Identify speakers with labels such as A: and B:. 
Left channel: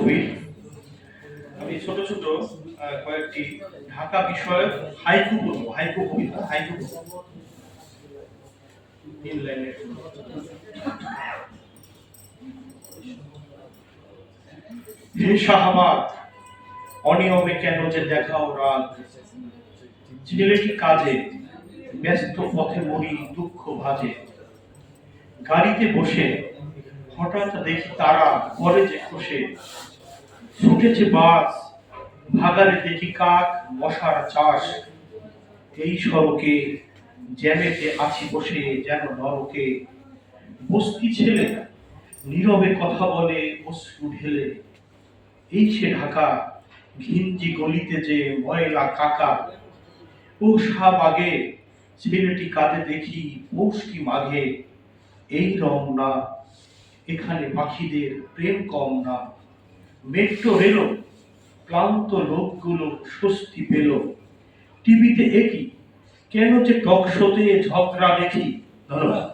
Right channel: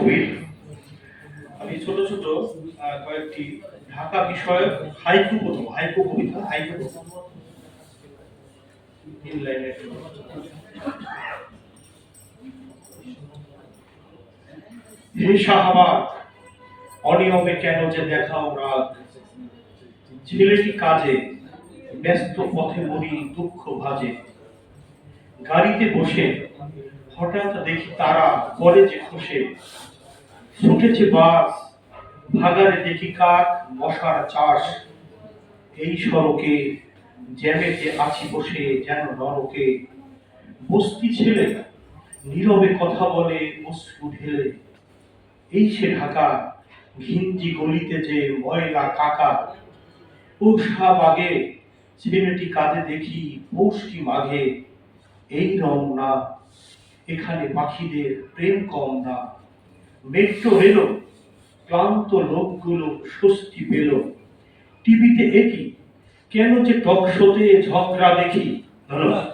A: কবির আমি ছোট ছোট কয়েকটি ঢাকা বিষয়ক হাইকু পড়ব হাইকু কবিতা হাইকু হে শাহবাগ, অনিয়মে কেন যে দেখাও রাগ? ছেলেটি কাজে, ব্যস্ত পথে মরি দুঃখ ভাজে। গাড়িতে বসে হঠাৎ দেখি তারা করে যে খসে ছুটেছে বাস, ভাগারে দেখি কাক, মশার চাষ। এই সড়কে জ্যামেতে আছি বসে যেন নরকে। বস্তি ছেলে নীরবে কথা বলে, অশ্রু ঢেলে। এই সে ঢাকা, ঘিঞ্জি গলিতে যে ময়লা কাকা। ও শাহবাগে ছেলেটি কাঁধে দেখি পৌষ্টি মাঘে। এই রং না এখানে পাখিদের প্রেম কম না। মেট্রো রেল ক্লান্ত লোকগুলো স্বস্তি পেল। টিভিতে একই, কেন যে টক শোতে ঝগড়া দেখি? ধন্যবাদ।